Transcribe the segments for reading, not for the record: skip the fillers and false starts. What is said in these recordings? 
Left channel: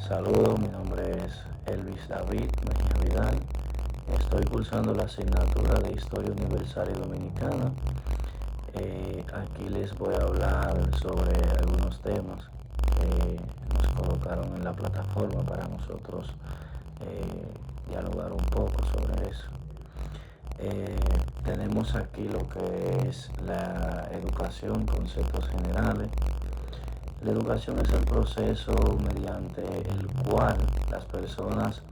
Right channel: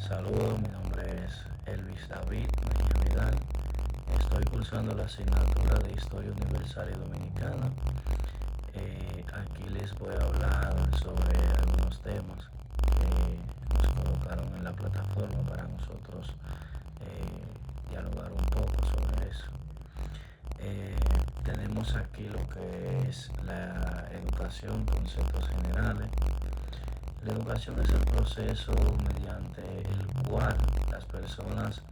Saludos, mi nombre es Elvis David Mejía Vidal. Estoy cursando la asignatura de Historia Universal y Dominicana. Aquí les voy a hablar sobre algunos temas que nos colocaron en la plataforma para nosotros dialogar un poco sobre eso. Tenemos aquí lo que es la educación, conceptos generales. La educación es el proceso mediante el cual las personas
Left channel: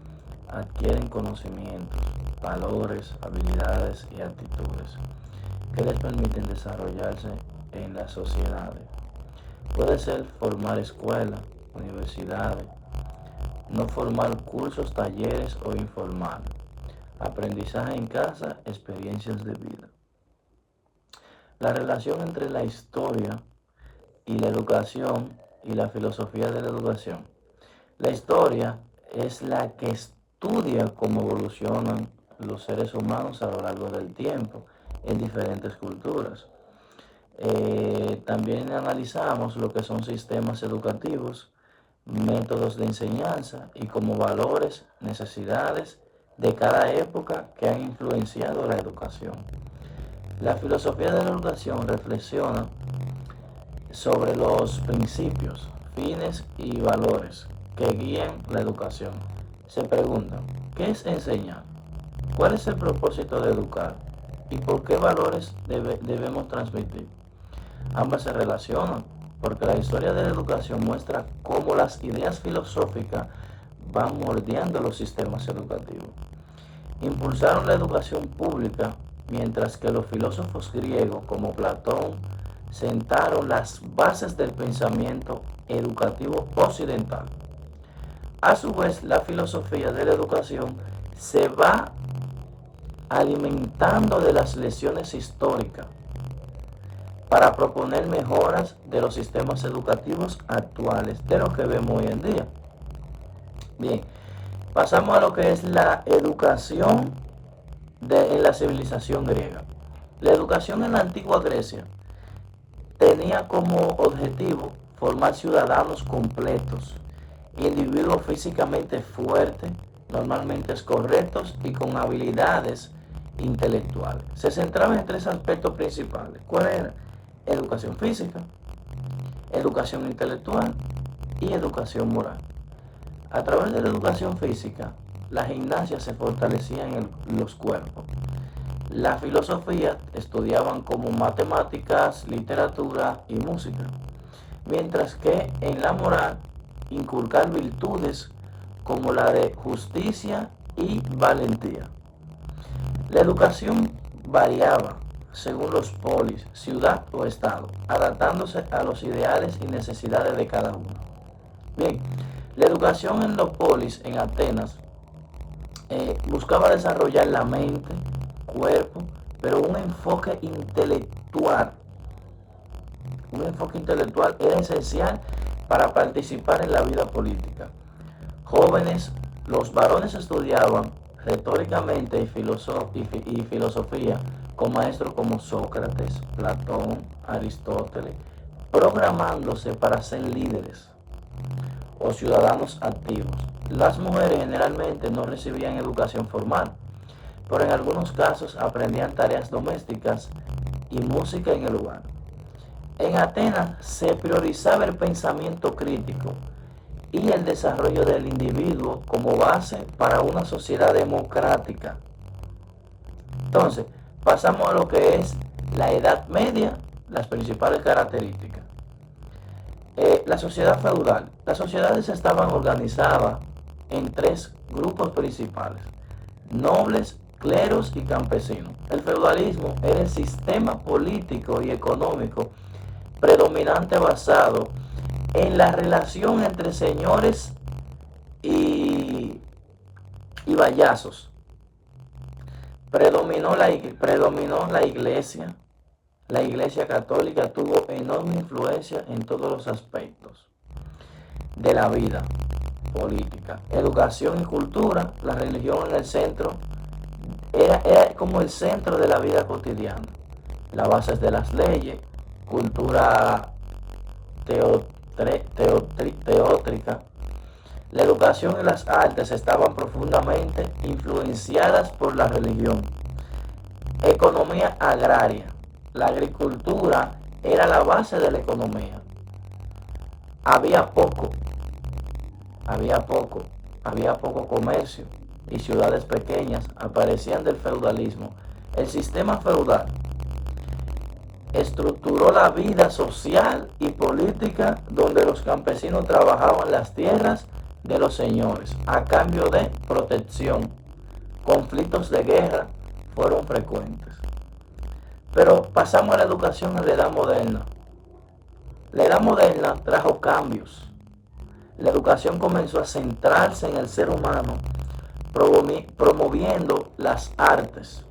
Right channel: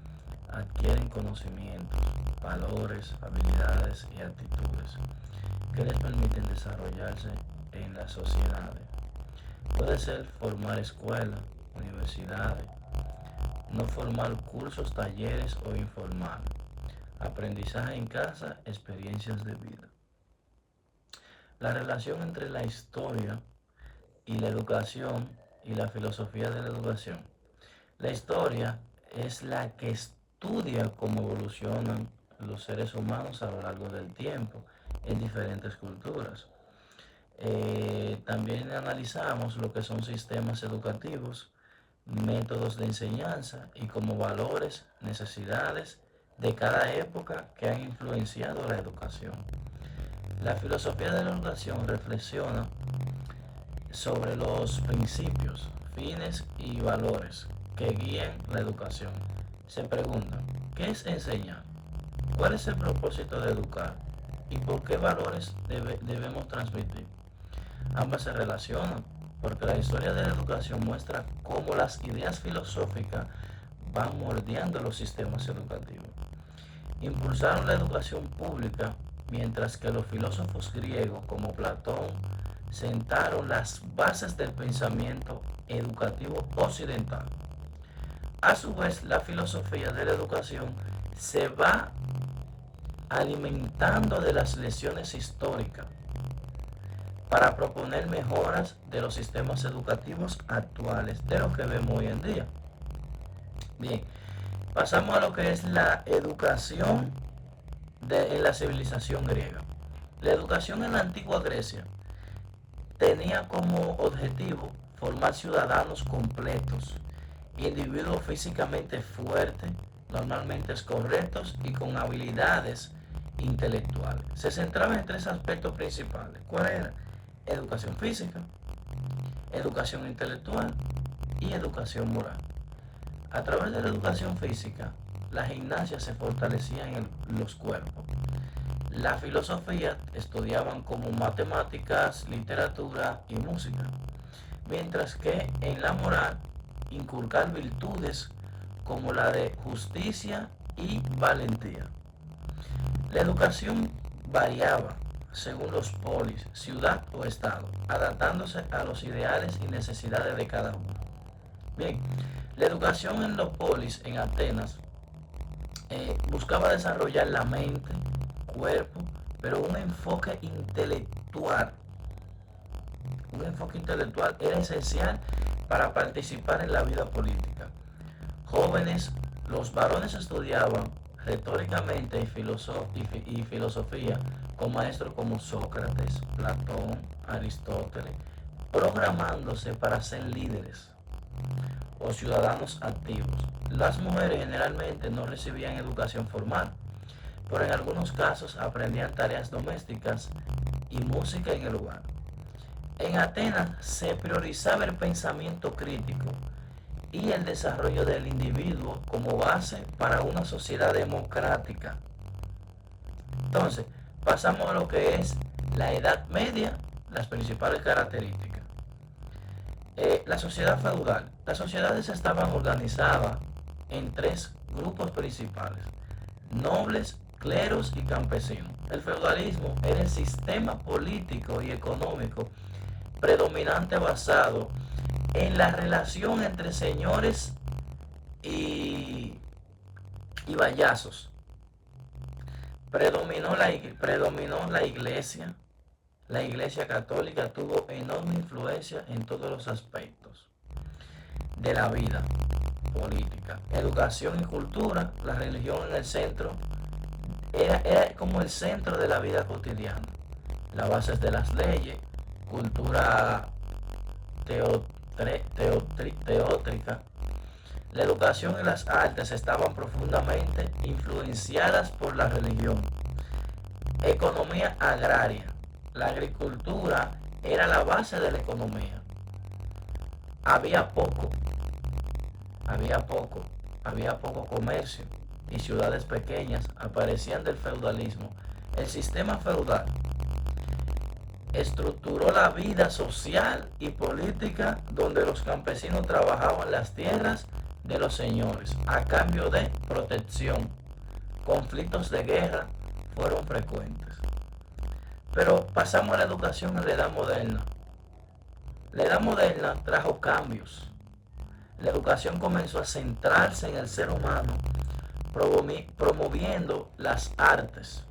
adquieren conocimientos, valores, habilidades y actitudes que les permiten desarrollarse en las sociedades. Puede ser formar escuelas, universidades, no formar cursos, talleres o informar. Aprendizaje en casa, experiencias de vida. La relación entre la historia y la educación y la filosofía de la educación. La historia es la que estudia cómo evolucionan los seres humanos a lo largo del tiempo en diferentes culturas. También analizamos lo que son sistemas educativos, métodos de enseñanza y como valores, necesidades de cada época que han influenciado la educación. La filosofía de la educación reflexiona sobre los principios, fines y valores que guían la educación. Se pregunta, ¿qué es enseñar? ¿Cuál es el propósito de educar? ¿Y por qué valores debemos transmitir? Ambas se relacionan, porque la historia de la educación muestra cómo las ideas filosóficas van moldeando los sistemas educativos. Impulsaron la educación pública, mientras que los filósofos griegos como Platón sentaron las bases del pensamiento educativo occidental. A su vez, la filosofía de la educación se va alimentando de las lecciones históricas para proponer mejoras de los sistemas educativos actuales, de lo que vemos hoy en día. Bien, pasamos a lo que es la educación en la civilización griega. La educación en la antigua Grecia tenía como objetivo formar ciudadanos completos, individuos físicamente fuertes, normalmente correctos y con habilidades intelectuales. Se centraba en tres aspectos principales. ¿Cuál era? Educación física, educación intelectual y educación moral. A través de la educación física, la gimnasia se fortalecía en los cuerpos. La filosofía estudiaban como matemáticas, literatura y música, mientras que en la moral inculcar virtudes como la de justicia y valentía. La educación variaba según los polis, ciudad o estado, adaptándose a los ideales y necesidades de cada uno. Bien, la educación en los polis en Atenas buscaba desarrollar la mente, cuerpo, pero un enfoque intelectual. Un enfoque intelectual era esencial para participar en la vida política. Jóvenes, los varones estudiaban retóricamente y filosofía con maestros como Sócrates, Platón, Aristóteles, programándose para ser líderes o ciudadanos activos. Las mujeres generalmente no recibían educación formal, pero en algunos casos aprendían tareas domésticas y música en el hogar. En Atenas se priorizaba el pensamiento crítico y el desarrollo del individuo como base para una sociedad democrática. Entonces, pasamos a lo que es la Edad Media, las principales características. La sociedad feudal. Las sociedades estaban organizadas en tres grupos principales: nobles, cleros y campesinos. El feudalismo era el sistema político y económico predominante basado en la relación entre señores y, y vallazos. Predominó la iglesia. La iglesia católica tuvo enorme influencia en todos los aspectos de la vida política. Educación y cultura, la religión en el centro, era como el centro de la vida cotidiana. Las bases de las leyes, cultura teótrica, La educación y las artes estaban profundamente influenciadas por la religión. Economía agraria. La agricultura era la base de la economía. Había poco, había poco comercio y ciudades pequeñas aparecían del feudalismo. El sistema feudal estructuró la vida social y política donde los campesinos trabajaban las tierras de los señores a cambio de protección. Conflictos de guerra fueron frecuentes. Pero pasamos a la educación en la edad moderna. La edad moderna trajo cambios. La educación comenzó a centrarse en el ser humano, promoviendo las artes,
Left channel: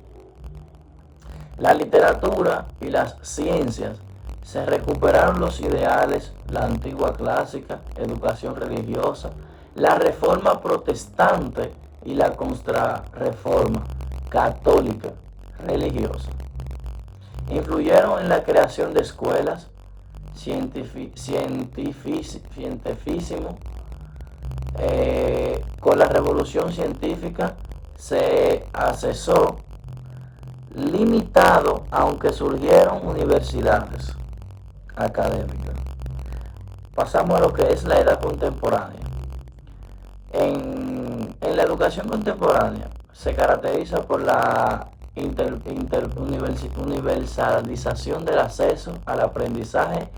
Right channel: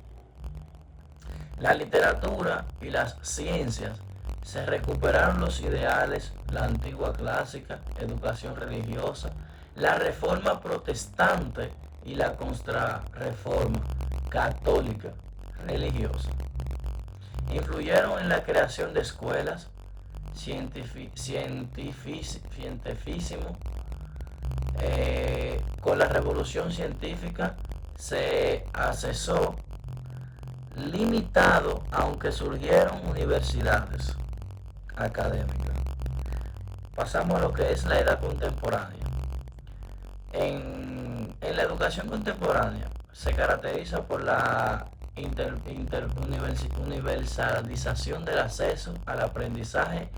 la literatura y las ciencias. Se recuperaron los ideales, la antigua clásica, educación religiosa, la reforma protestante y la contrarreforma católica religiosa. Influyeron en la creación de escuelas, cientificismo. Con la revolución científica se accesó limitado, aunque surgieron universidades académicas. Pasamos a lo que es la edad contemporánea. En la educación contemporánea se caracteriza por la universalización del acceso al aprendizaje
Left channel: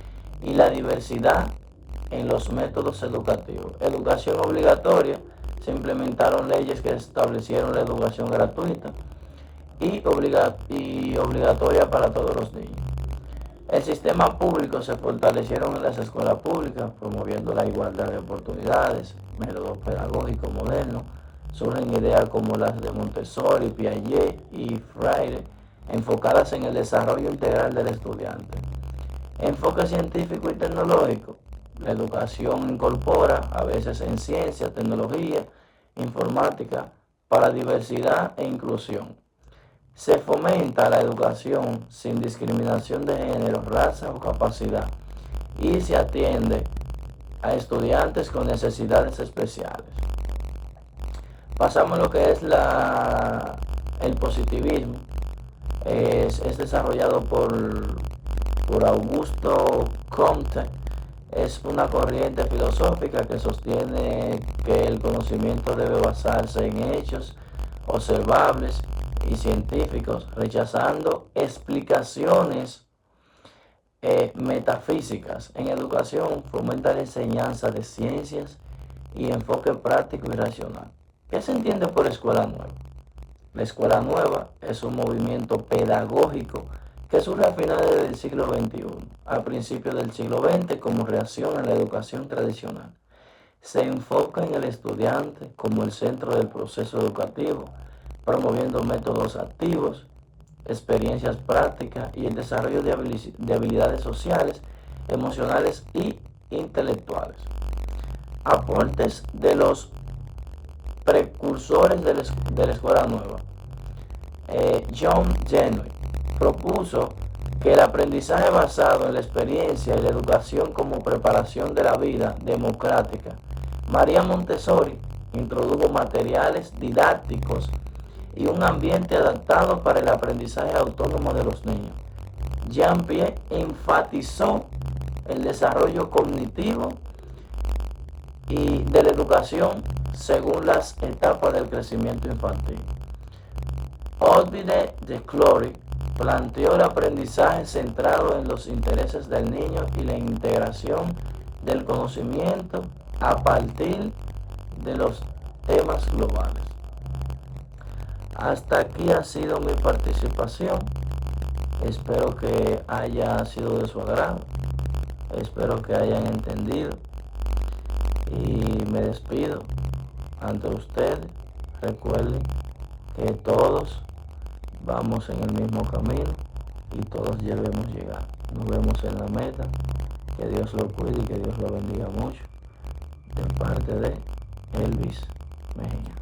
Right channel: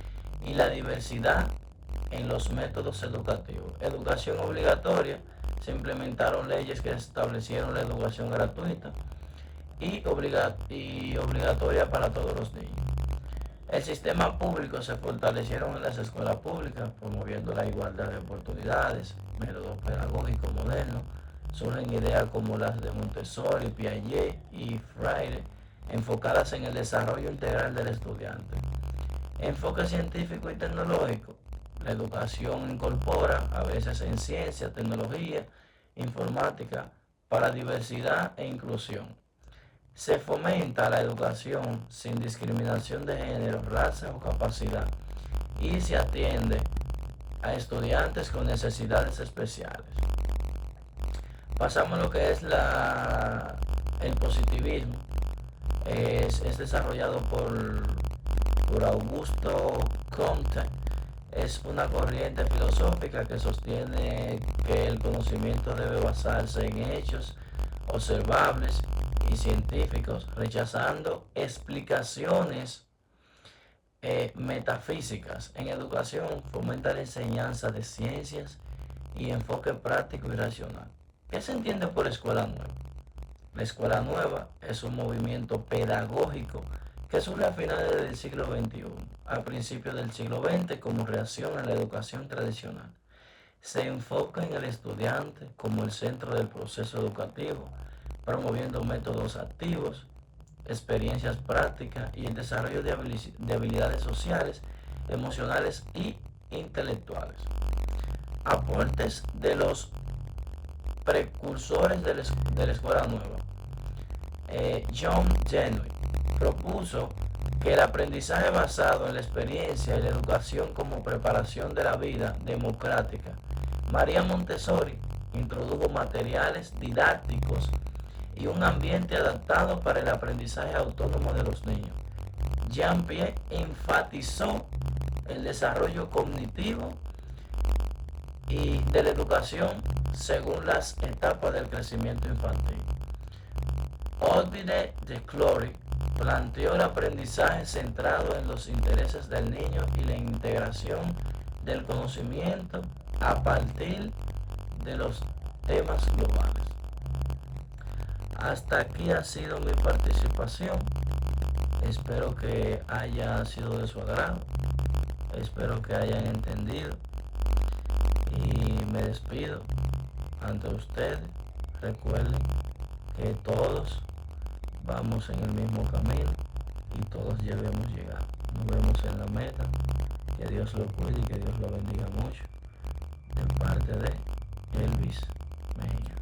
y la diversidad en los métodos educativos. Educación obligatoria. Se implementaron leyes que establecieron la educación gratuita y obligatoria para todos los niños. El sistema público se fortalecieron en las escuelas públicas, promoviendo la igualdad de oportunidades, métodos pedagógicos modernos. Surgen ideas como las de Montessori, Piaget y Freire, enfocadas en el desarrollo integral del estudiante. Enfoque científico y tecnológico. La educación incorpora, a veces en ciencia, tecnología, informática, para diversidad e inclusión. Se fomenta la educación sin discriminación de género, raza o capacidad y se atiende a estudiantes con necesidades especiales. Pasamos a lo que es el positivismo. Es desarrollado por Augusto Comte. Es una corriente filosófica que sostiene que el conocimiento debe basarse en hechos observables y científicos, rechazando explicaciones metafísicas. En educación fomenta la enseñanza de ciencias y enfoque práctico y racional. ¿Qué se entiende por escuela nueva? La escuela nueva es un movimiento pedagógico que surge a finales del siglo XXI, a principios del siglo XX, como reacción a la educación tradicional. Se enfoca en el estudiante como el centro del proceso educativo, promoviendo métodos activos, experiencias prácticas y el desarrollo de habilidades sociales, emocionales y intelectuales. Aportes de los precursores de la escuela nueva. John Dewey propuso que el aprendizaje basado en la experiencia y la educación como preparación de la vida democrática. María Montessori introdujo materiales didácticos y un ambiente adaptado para el aprendizaje autónomo de los niños. Jean-Piaget enfatizó el desarrollo cognitivo y de la educación según las etapas del crecimiento infantil. Odile de Clory planteó el aprendizaje centrado en los intereses del niño y la integración del conocimiento a partir de los temas globales. Hasta aquí ha sido mi participación. Espero que haya sido de su agrado. Espero que hayan entendido. Y me despido ante ustedes. Recuerden que todos vamos en el mismo camino y todos debemos llegar. Nos vemos en la meta. Que Dios lo cuide y que Dios lo bendiga mucho. De parte de Elvis Mejía.